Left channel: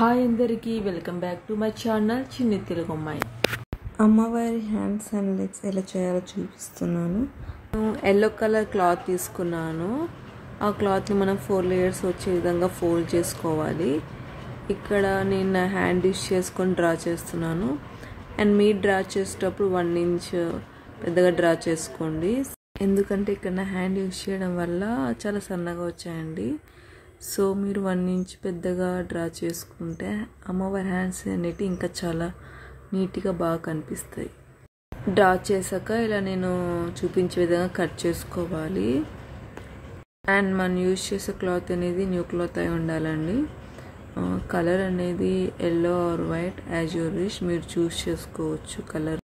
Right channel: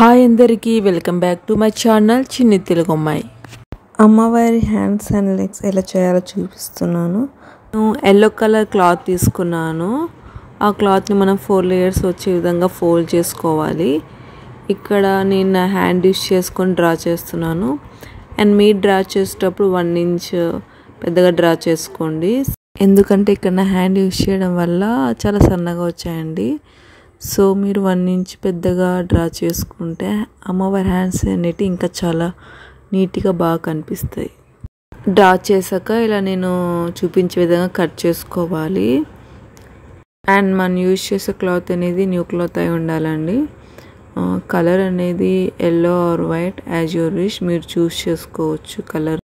Hi అందరికీ welcome back to my channel చిన్ని తెలుగు అమ్మాయి. అమ్మవారి హ్యాండ్స్ అండ్ లెగ్స్ ఎలా చేయాలో చూపిస్తున్నాను. నేను ఎల్లో కలర్ క్లాత్ తీసుకున్నాను. ఆ క్లాత్ని మనం 4 లేయర్స్ వచ్చే విధంగా ఫోల్డ్ చేసుకోవాలి. ఇక్కడ నేను నా హ్యాండ్ యూస్ చేసుకొని డ్రా చేస్తున్నాను. అండ్ మీరు డ్రా చేసేటప్పుడు 1 ఇంచ్ పెద్దగా డ్రా చేసుకోండి. ఎందుకంటే ఇక్కడ నా హ్యాండ్ యూస్ చేయడం వల్ల చాలా సన్నగా వచ్చాయండి. సో మీరు 1 ఇంచ్ పెద్దగా డ్రా చేసుకుంటే అమ్మవారి హ్యాండ్స్ అనేవి ఇంకా చాలా నీట్గా బాగా కనిపిస్తాయి. డ్రా చేశాక ఇలా నేను చూపించే విధంగా కట్ చేసుకోవాలి. అండ్ మనం యూజ్ చేసే క్లాత్ అనేది న్యూ క్లాత్ అయి ఉండాలండి. కలర్ అనేది yellow or white as your wish, మీరు చూస్ చేసుకోవచ్చు కలర్.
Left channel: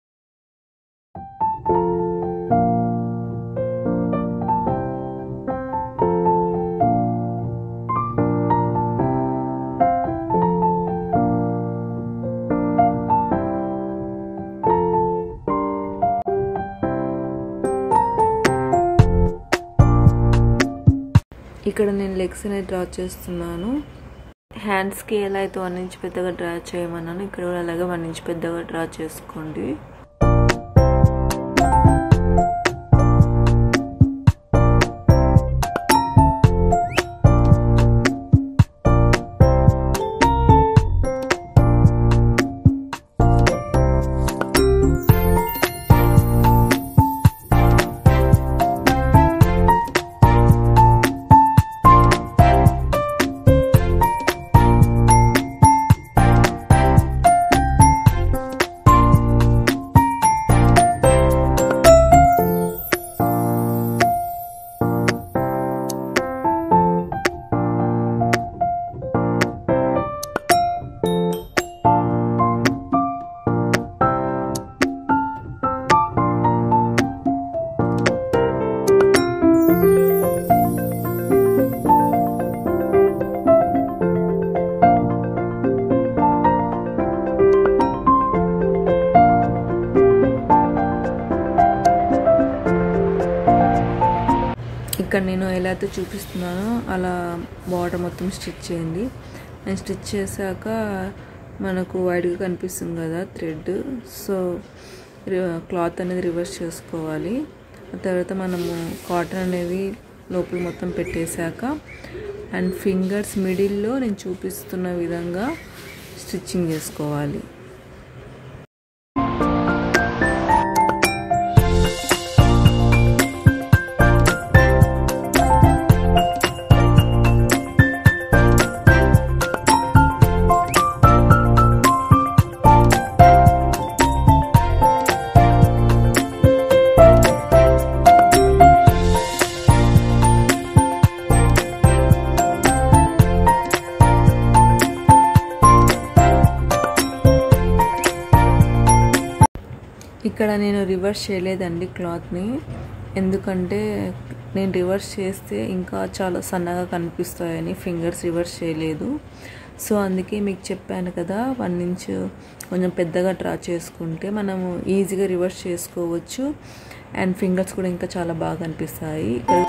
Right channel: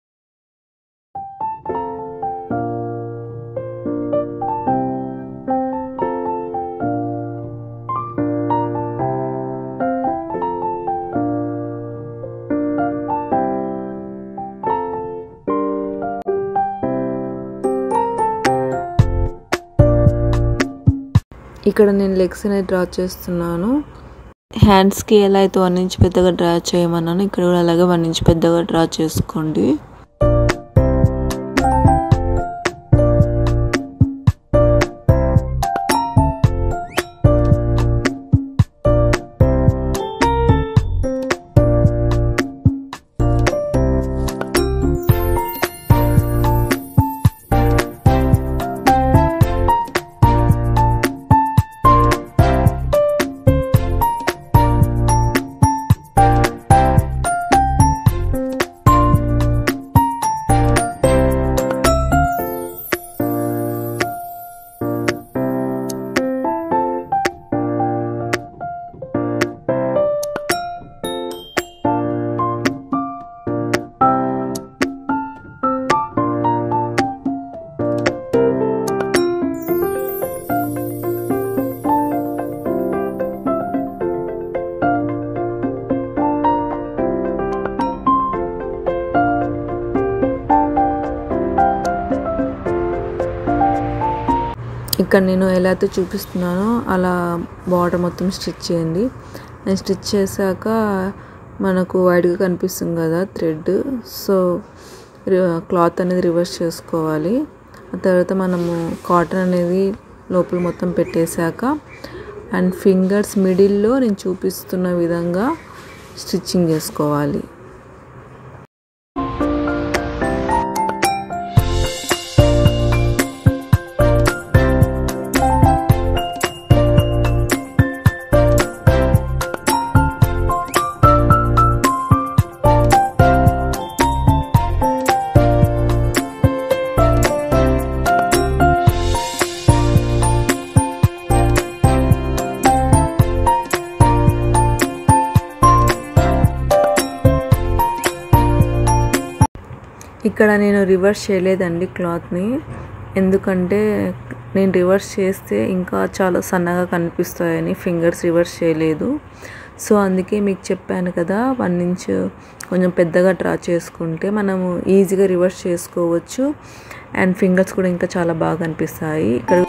ఇక్కడ నేను లెగ్స్ అనేది డ్రా చేస్తున్నాను. హ్యాండ్స్కి ఎలా అయితే 1 ఇంచ్ పెద్దగా డ్రా చేయమన్నాను, ఇక్కడ కూడా అలాగే 1 ఇంచ్ పెద్దగా డ్రా చేసుకోండి. ఇక్కడ నేను ఎలా అయితే చూపిస్తున్నానో అలా బార్డర్ మొత్తం స్టిచ్ చేయండి. నేను స్టిచ్ చేశాక మనకు వైడ్గా కనిపిస్తుంది కదా థ్రెడ్, సో క్లాత్ అనేది రివర్స్ చేసుకోవాలి. ఆ తర్వాత మనము కాటన్ అనేది లోపల మొత్తం పెట్టేశాక అండ్ ఫింగర్స్ మిడిల్లో నేను చూపిస్తున్న విధంగా స్టిచ్చింగ్ చేసుకోవాలి. ఇక్కడ నేను రివర్స్ చేయలేదండి క్లాత్ని, ఎందుకంటే నేను రివర్స్ చేస్తే ఇంకా చాలా సన్నగా కనిపిస్తాయని ఫింగర్స్ రివర్స్ చేయలేదు. సో అందుకే మీకు చెప్పాను కదా 1 ఇంచ్ కొంచెం పెద్దగా డ్రా చేసుకుంటే మనము ఈజీగా రివర్స్ చేసుకోవచ్చు అండ్ ఫింగర్స్ కూడా ఇంకా చాలా బాగా కనిపిస్తాయి. ఇక్కడ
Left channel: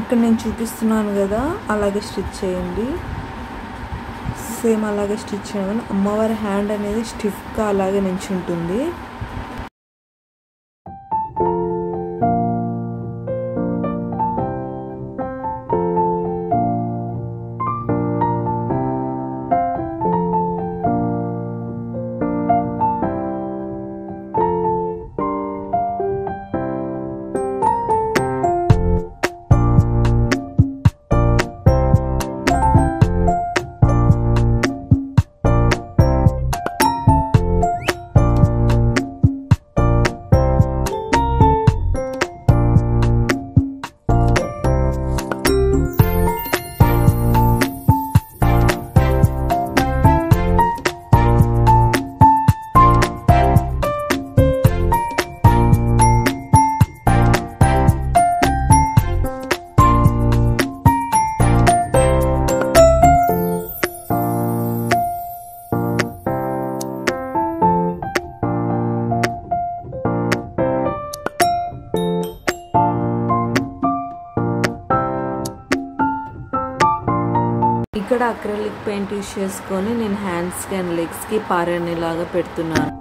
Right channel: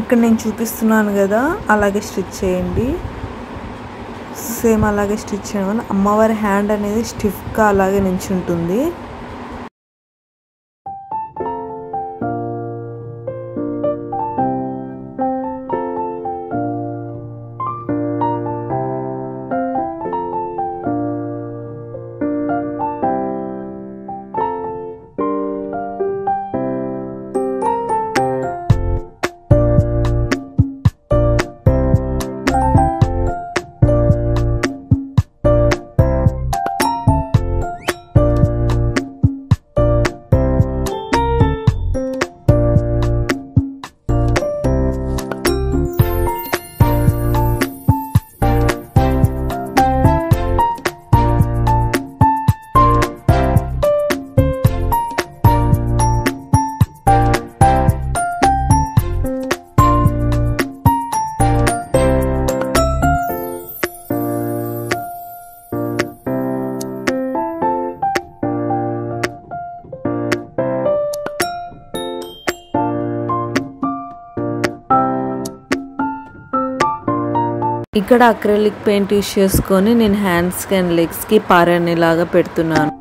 ఇక్కడ నేను చూపిస్తున్నాను కదా అలాగే స్టిచ్ చేయండి. సేమ్ అలాగే స్టిచ్ చేయడం అమ్మవారి హ్యాండ్ అనేది స్టిఫ్గా అలాగే నించుంటుంది. ఇక్కడ అక్రిలిక్ పెయింట్ యూస్ చేసుకొని నేను హ్యాండ్స్కి అండ్ లెగ్స్కి పారాణిలాగా పెడుతున్నాను.